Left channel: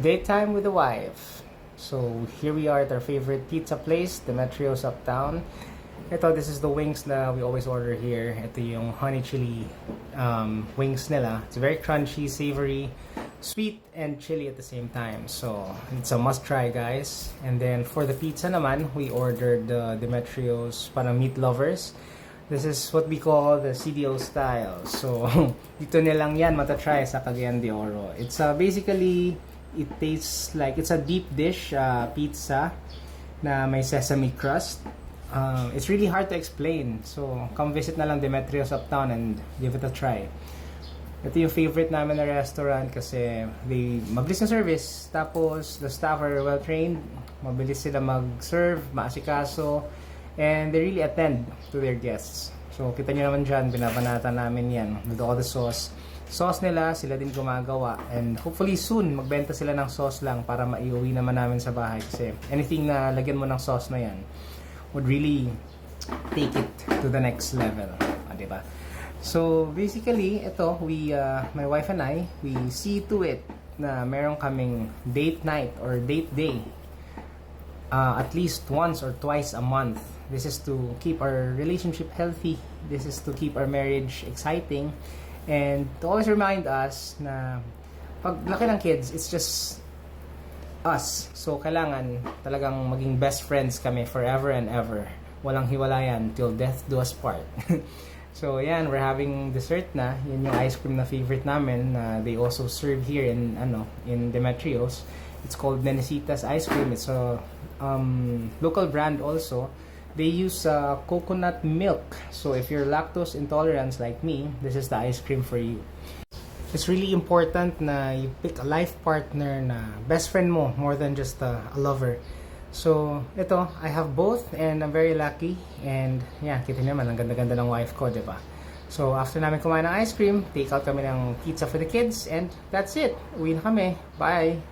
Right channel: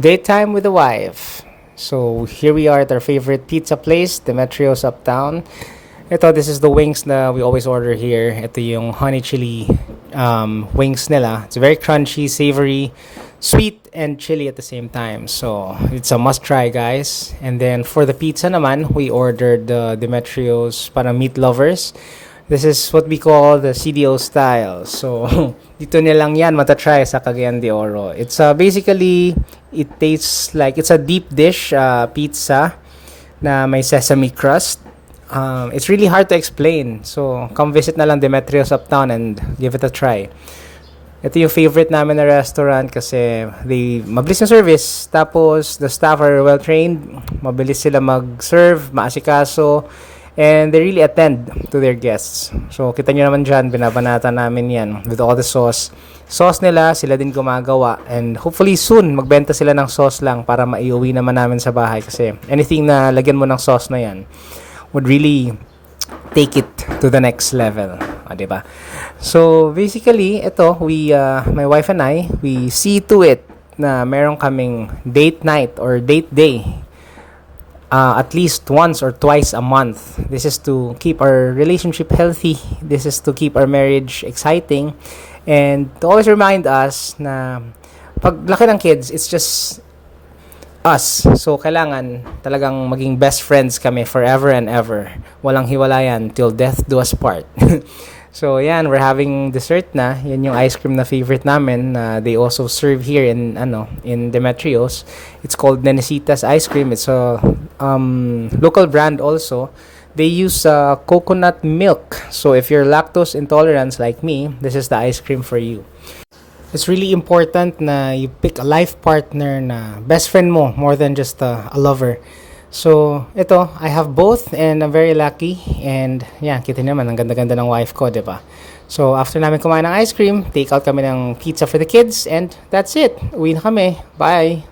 Daytime with the wife. So here we are at our favorite pizza place, Demetrios Uptown. This is the wings na we always order here. Ito yung honey chili wings nila. It's very crunchy, savory, sweet, and chili at the same time. So it's a must try, guys. And then for the pizza naman, we ordered the Demetrios para meat lovers. This is what we call the CDO style. So, dito nilang yan matatry sa Cagayan de Oro. It's basically, it tastes like, it's a deep dish pizza na may sesame crust. It's really hard to explain. So, come visit na lang Demetrios Uptown and give it a try. Ito yung favorite namin na restaurant kasi mabilis yung service. Tapos, the staff are well trained. Mabilis sila mag-serve, maasikaso. And they really attend to their guests. So, kita nyo naman dyan, binabanata namin yan with all the sauce. Sauce nila, sila din gumagawa. And hopefully soon, magbenta sila ng sauce lang para maiuwi naman namin sa bahay. Kasi anything na lagyan mo ng sauce na yan would really take it to the next level. Diba? So, basically, my wife and I, we see to it na meron kaming date night or date day at least once or twice a month. This is to keep our relationship healthy. This is to keep our marriage exciting. And to always remind us na pag laki ng kids, it's just us. So, kailangan talagang maging best friends kami forever and ever. Walang hiwalayan till death do us part. So, yan, we're having dessert na. Yan yung ice cream na favorite namin. They also serve here in Demetrios. It's called Nenecitas ice cream. It's a local brand also. They use coconut milk. So, if you're lactose intolerant like me, this is the ice cream for you. It's really important na you pick a life partner na best friend mo more than just a lover. So, I have both and I'm very lucky. And, yeah, kita naman, ang ganda-ganda ng wife ko, diba? So, after namin kumain ng ice cream, take out kami ng pizza for the kids. And that's it. Uwi na kami. Bye!